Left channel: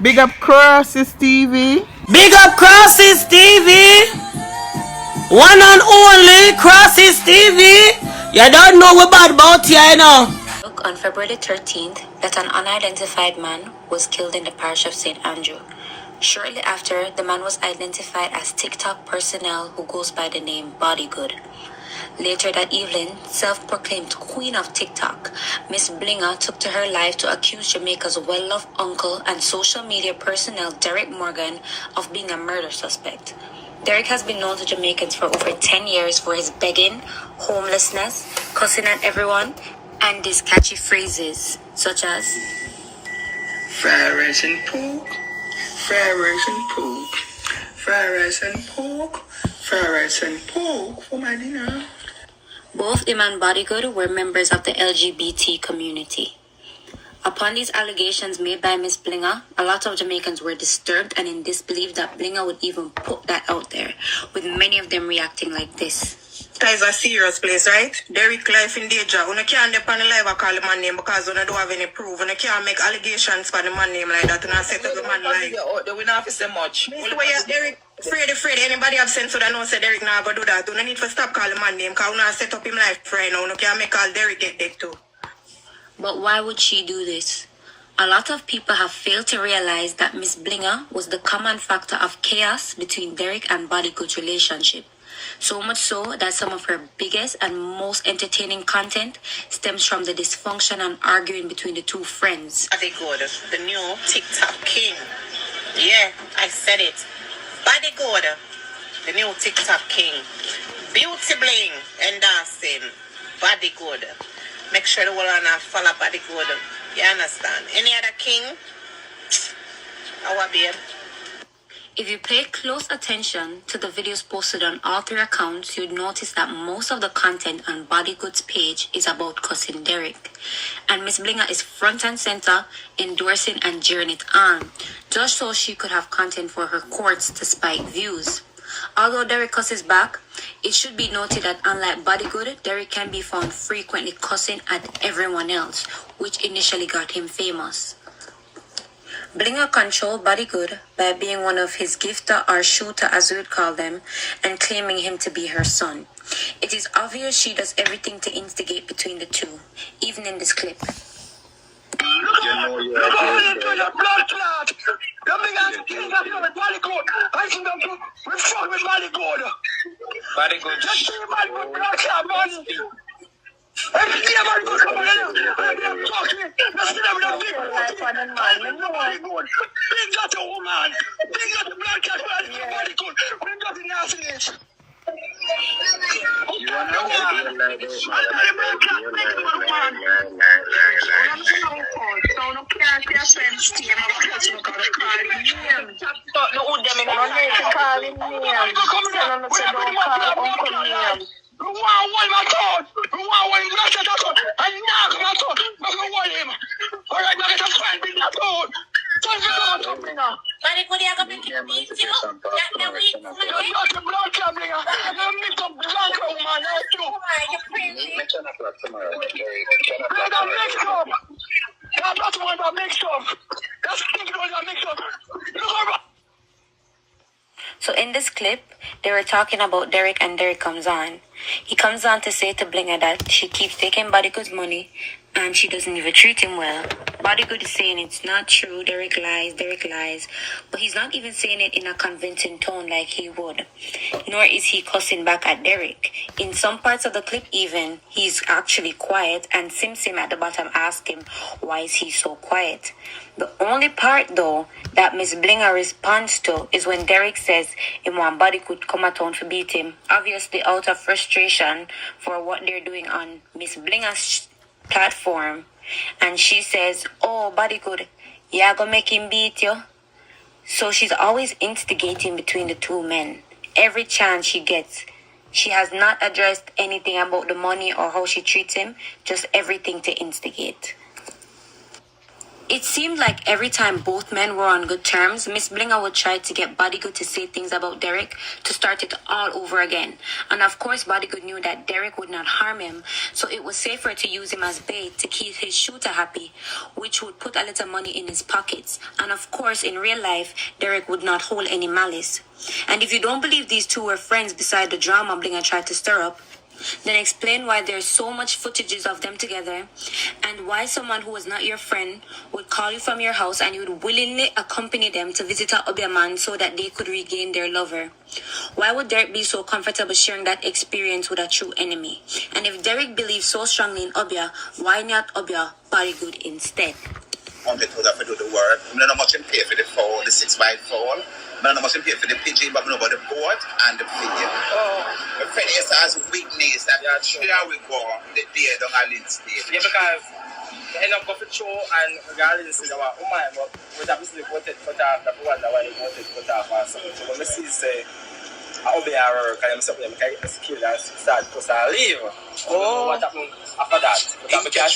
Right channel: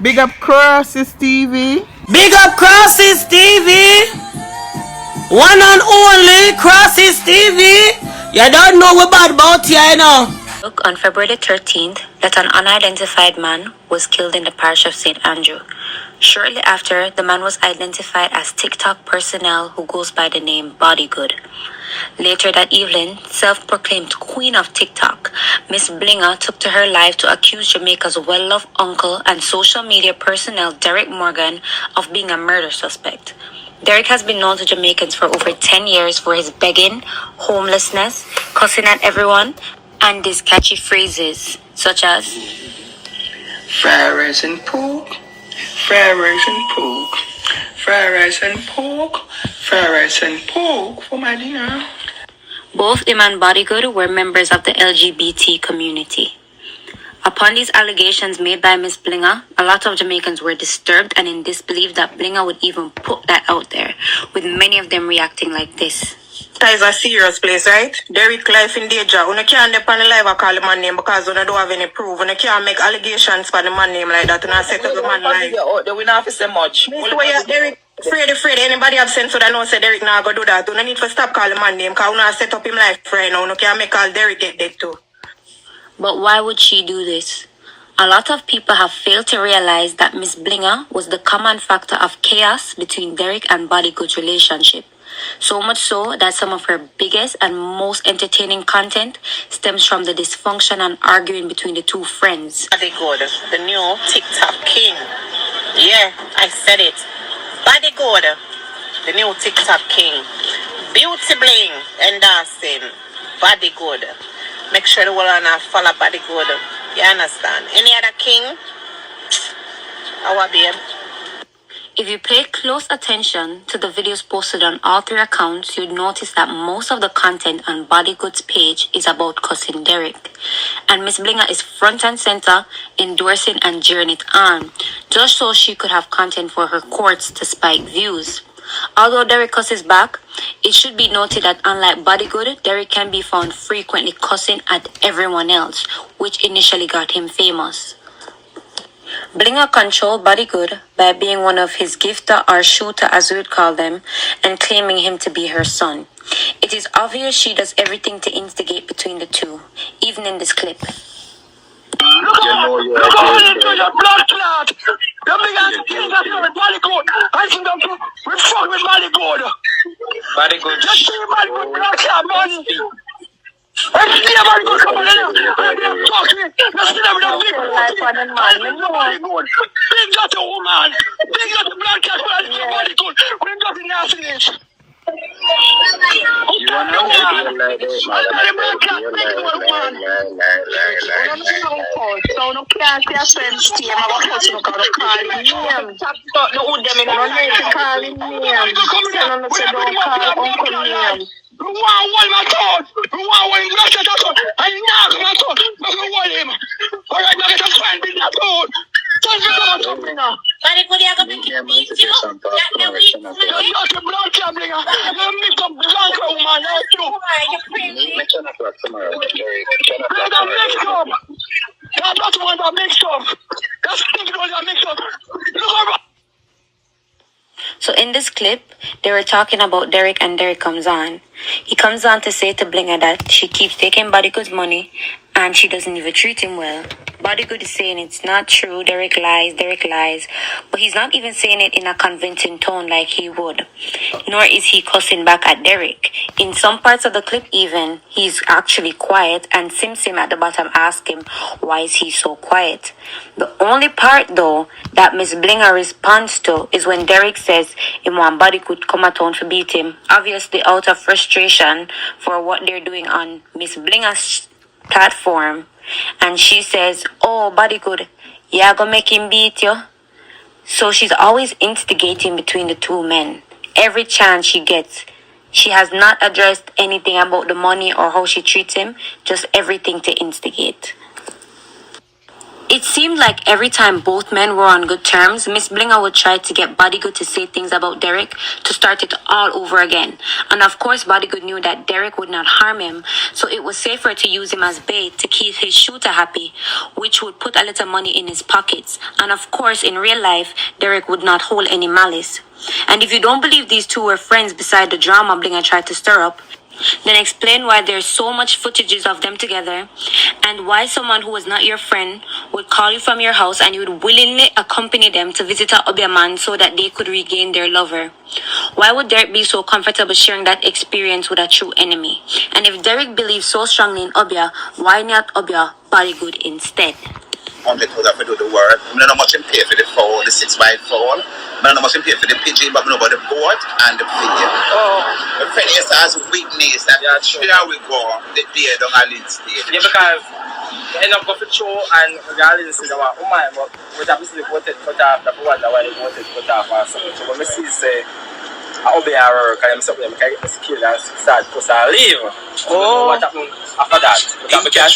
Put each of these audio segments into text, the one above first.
Big up Crosses TV. Big up Crosses TV. One and only Crosses TV. You don't know what bad about here, you know. On February 13th, that an unidentified man was killed in the parish of St. Andrew. Shortly after, the man was identified as TikTok personnel who goes by the name Bodygood. Later that evening, self-proclaimed queen of TikTok, Miss Bilinga took to her life to accuse Jamaica's well-loved uncle and social media personnel Derrick Morgan of being a murder suspect. Derrick has been known to Jamaicans for over 10 years for his begging, homelessness, cussing at everyone, and these catchy phrases such as fried rice and pork, fried rice and pork, fried rice and pork, fried rice and pork for my dinner. Both him and Bodygood were members of the LGBT community. Upon these allegations made by Miss Bilinga, a lot of Jamaicans were disturbed and in disbelief that Bilinga would even put that out there, with many of them reacting like this. That is a serious place, right? Derrick life in danger. You can't depend on the live and call the man name because you don't have any proof. You can't make allegations for the man name like that. You not set up the man life. They will not say much. Derrick, afraid. Anybody have sense so they know say Derrick not go do that. You don't need to stop calling the man name because you not set up him life right now. You can't make all Derrick get dead too. But why would she do this? A lot of people have failed to realize that Miss Bilinga was the common factor of chaos between Derrick and Bodygood's relationship. So much so that some of her biggest and most entertaining content stems from the dysfunction and arguing between the two friends. Bodygood, the new TikTok king. Yeah, I said it. Bodygood, the new TikTok king. Beauty bling, endorsing. Bodygood. Make sure the world not follow Bodygood. You understand? Any other king? Our babe. If you pay close attention to the videos posted on all three accounts, you'd notice that most of the content on Bodygood's page is about cussing Derrick. And Miss Bilinga is front and center, endorsing and cheering it on, just so she could have content for her courts to spike views. Although Derrick cusses back, it should be noted that unlike Bodygood, Derrick can be found frequently cussing at everyone else, which initially got him famous. Bilinga controlled Bodygood by being one of his gifter or shooter as we would call them, and claiming him to be her son. It is obvious she does everything to instigate between the two, even in this clip. Look how you do your blood clot. The biggest thing that's with Bodygood. I think that we fuck with Bodygood. Bodygood. Just see Bodygood blood clot, man. Every day Bodygood come on here. I'm talking. Let's see them with a big Bodygood. Big got the woman. Big got the blood clot. Bodygood. Big got the nastiness. You want to like this, man? So no can't see a friend's team. I'm going to call him. Call him name. Tell him to don't call uncle name. So in this clip, they were talking about Derrick and Derrick comes on. He comes on to say to Bilinga that she keeps taking Bodygood's money and she doesn't even treat him well. Bodygood is saying it's not true, Derrick lies, but he's not even saying it in a convincing tone like he would. Nor is he cussing back at Derrick. In some parts of the clip even, he's actually quiet and Sim at the bottom asks him, why is he so quiet? The only part though that Miss Bilinga responds to is when Derrick says him want Bodygood come at town to beat him, obviously out of frustration for what they're doing on Miss Bilinga's platform, and she says, oh Bodygood, yeah, gonna make him beat you. So she's always instigating between the two men. Every chance she gets, she has not addressed anything about the money or how she treats him, just everything to instigate. It seemed like every time both men were on good terms, Miss Bilinga would try to get Bodygood to say things about Derrick to start it all over again. And of course, Bodygood knew that Derrick would not harm him, so it was safer to use him as bait to keep his shooter happy, which would put a little money in his pockets. And of course, in real life, Derrick would not hold any malice. And if you don't believe these two were friends beside the drama Bilinga tried to stir up, then explain why there's so much footages of them together and why someone who was not your friend would call you from your house and you would willingly accompany them to visit a Obiaman so that they could regain their lover. Why would Derrick be so comfortable sharing that experience with a true enemy? And if Derrick believes so strongly in Obia, why not Obia Bodygood instead? Because I have to do the work. I don't know much in pay for the phone, the 6-wide phone. I don't know much in pay for the pigeon, but I know about the boat and the pigeon. My friend is as weakness that here we go, the beer down a lead stage. Yeah, because end up going to show and regardless of what but we obviously voted for that, the one that they voted for that or something. So when we see say I'll be our kind of something, I get the skill and start because I leave. What happened after that?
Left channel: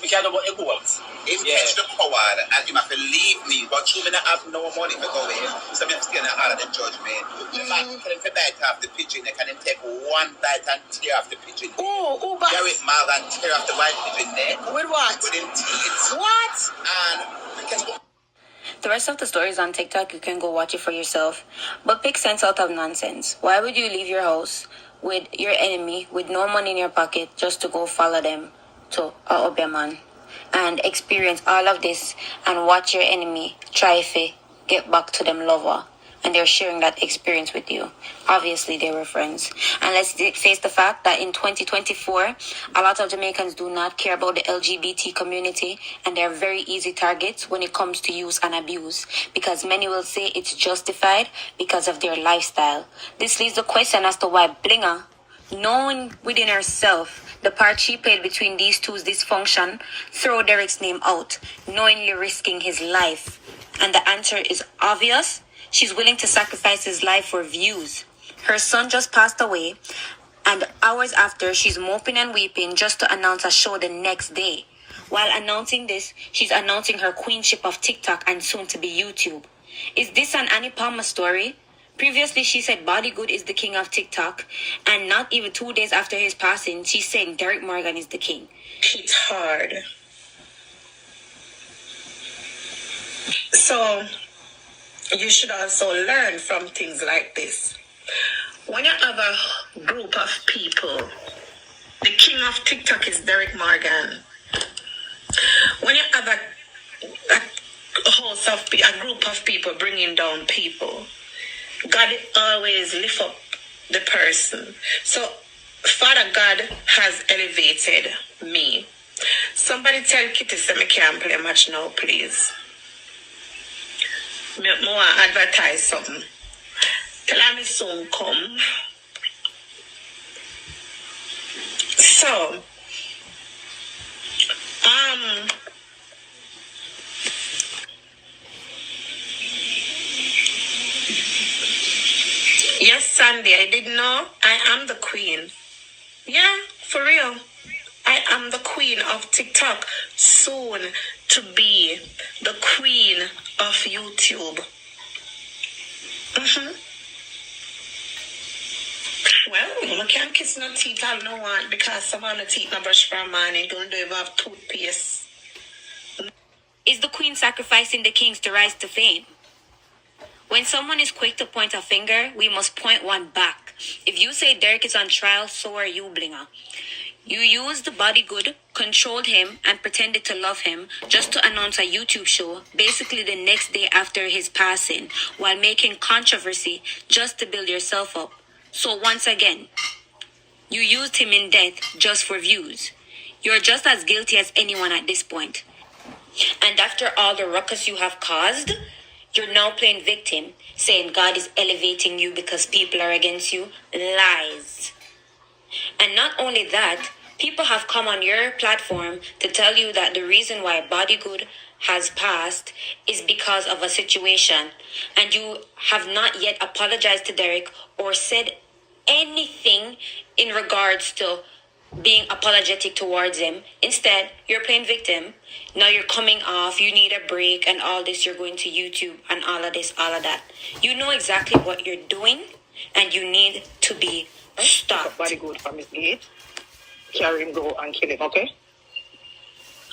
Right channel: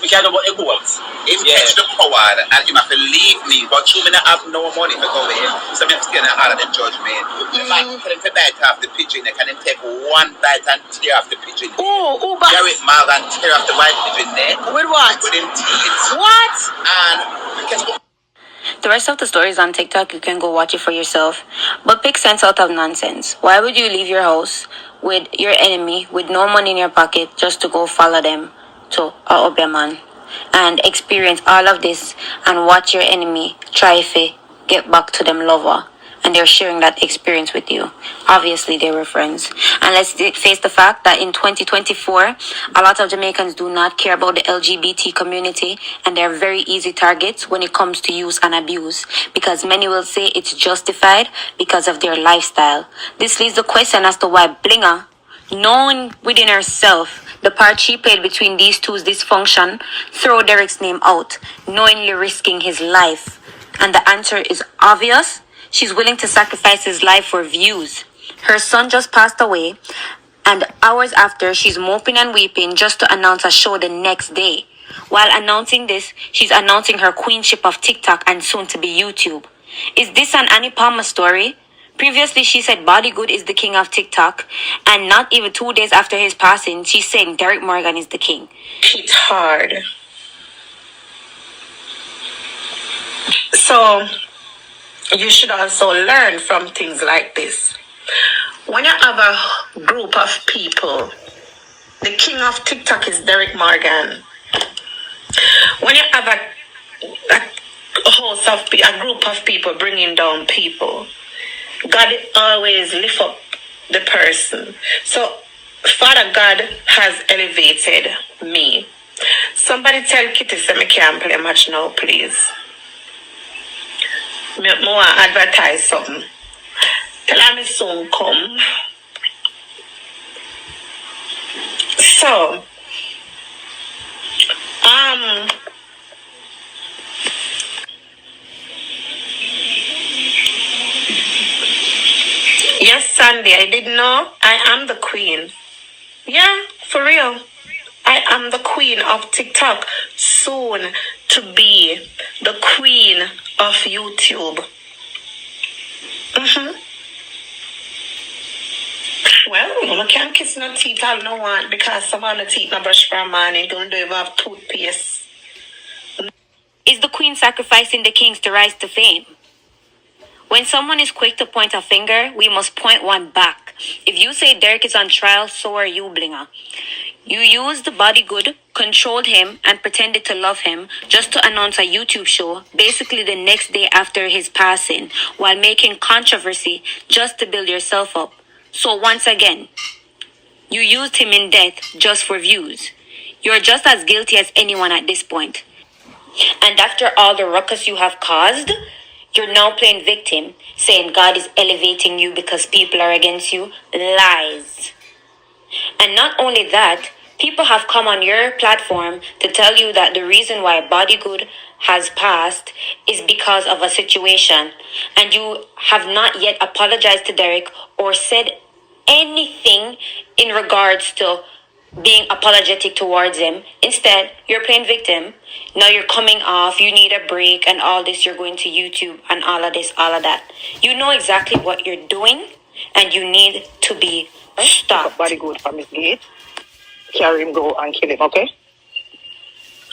We can't know what it was. Him catch the power and him have to leave me, but you may not have no money to go in, so I have to stay in the of the judgment. If I can him to bite off the pigeon, they can him take one bite and tear off the pigeon. But Derrick Morgan tear off the white pigeon neck. with what? With him teeth. What? And we can go. The rest of the story is on TikTok. You can go watch it for yourself. But pick sense out of nonsense. Why would you leave your house with your enemy with no money in your pocket just to go follow them to a Obiaman and experience all of this and watch your enemy try to get back to them lover? And they're sharing that experience with you. Obviously, they were friends. And let's face the fact that in 2024, a lot of Jamaicans do not care about the LGBT community, and they're very easy targets when it comes to use and abuse, because many will say it's justified because of their lifestyle. This leaves the question as to why Bilinga, knowing within herself the part she played between these two's dysfunction, throw Derrick's name out, knowingly risking his life. And the answer is obvious. She's willing to sacrifice his life for views. Her son just passed away, and hours after, she's moping and weeping just to announce a show the next day. While announcing this, she's announcing her queenship of TikTok and soon to be YouTube. Is this an Annie Palmer story? Previously, she said Bodygood is the king of TikTok, and not even 2 days after his passing, she's saying Derrick Morgan is the king. It's hard. So, you should also learn from things like this. When you have a group of people, the king of TikTok is Derrick Morgan. When you have a group of people bringing down people, God always lift up the person. So, Father God has elevated me. Somebody tell Kitty say I can't play much now, please. Me want advertise something. Tell her me soon come. So, yes, Sandy, I didn't know. I am the queen. Yeah, for real. I am the queen of TikTok. Soon to be the queen of YouTube. Well, I can't kiss no teeth all no one because some of the teeth no brush for a man and don't even have toothpaste. Is the queen sacrificing the kings to rise to fame? When someone is quick to point a finger, we must point one back. If you say Derrick is on trial, so are you, Bilinga. You used Bodygood, controlled him, and pretended to love him just to announce a YouTube show basically the next day after his passing, while making controversy just to build yourself up. So once again, you used him in death just for views. You're just as guilty as anyone at this point. And after all the ruckus you have caused, you're now playing victim, saying God is elevating you because people are against you. Lies. And not only that, people have come on your platform to tell you that the reason why Bodygood has passed is because of a situation. And you have not yet apologized to Derrick or said anything in regards to being apologetic towards him. Instead, you're playing victim. Now you're coming off, you need a break and all this, you're going to YouTube and all of this, all of that. You know exactly what you're doing and you need to be stopped. Body good from his gate. Carry him, go and kill him, okay?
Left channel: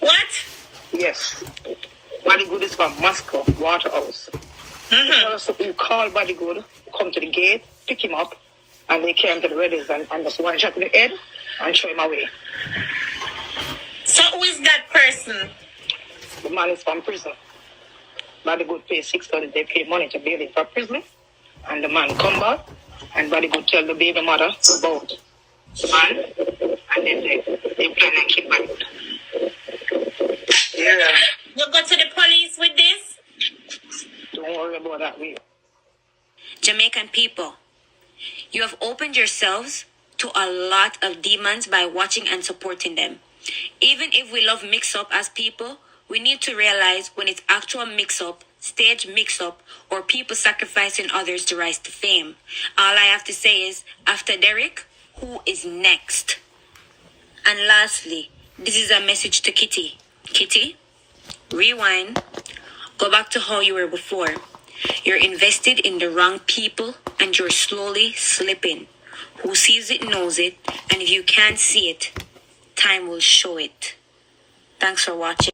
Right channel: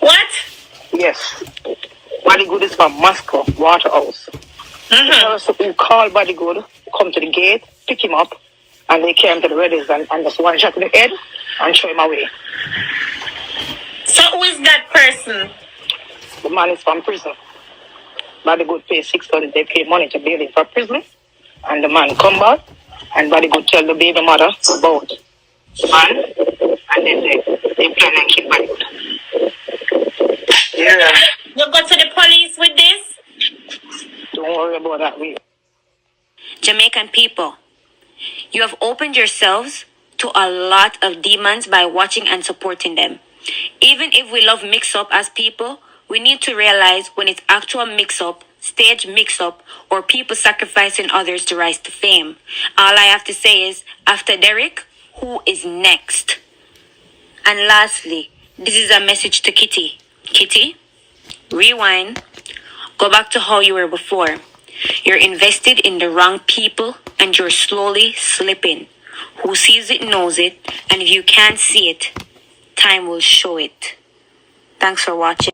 What? Yes. Body good is from Moscow, Waterhouse. So you call Body good, come to the gate, pick him up, and they carry him to the reddies and just one shot in the head and throw him away. So who is that person? The man is from prison. Body good pay $600. They pay money to bail him for prison. And the man come back, and Body good tell the baby mother about the man, and then they plan and kill Body good. Yeah. You go to the police with this? Don't worry about that, we. Jamaican people, you have opened yourselves to a lot of demons by watching and supporting them. Even if we love mix-up as people, we need to realize when it's actual mix-up, stage mix-up, or people sacrificing others to rise to fame. All I have to say is, after Derrick, who is next? And lastly, this is a message to Kitty. Kitty, rewind. Go back to how you were before. You're invested in the wrong people and you're slowly slipping. Who sees it knows it, and if you can't see it, time will show it. Thanks for watching.